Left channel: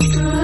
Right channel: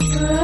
Mm-hmm.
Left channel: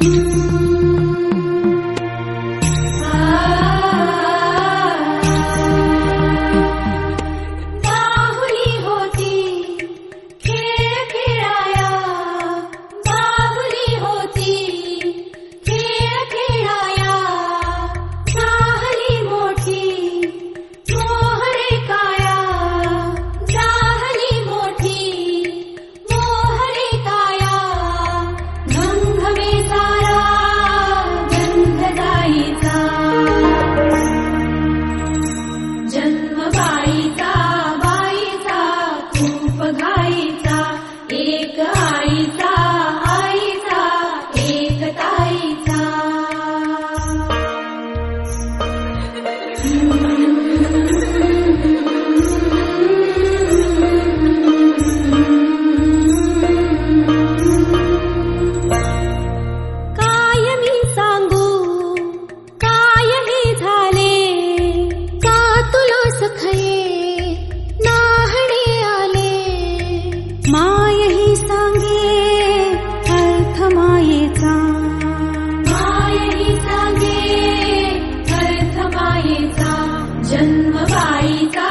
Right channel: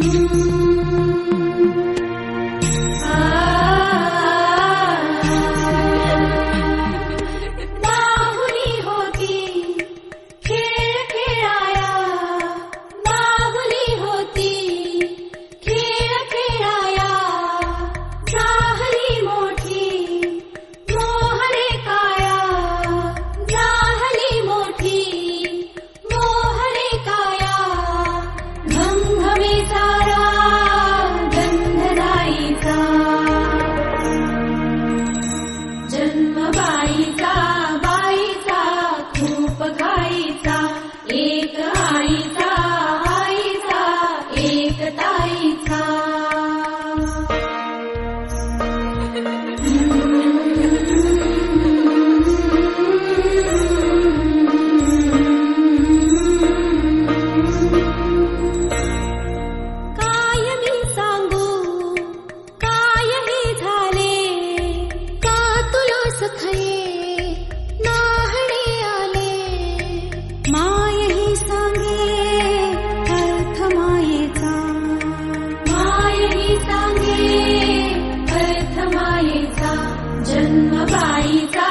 Mm-hmm. 那一张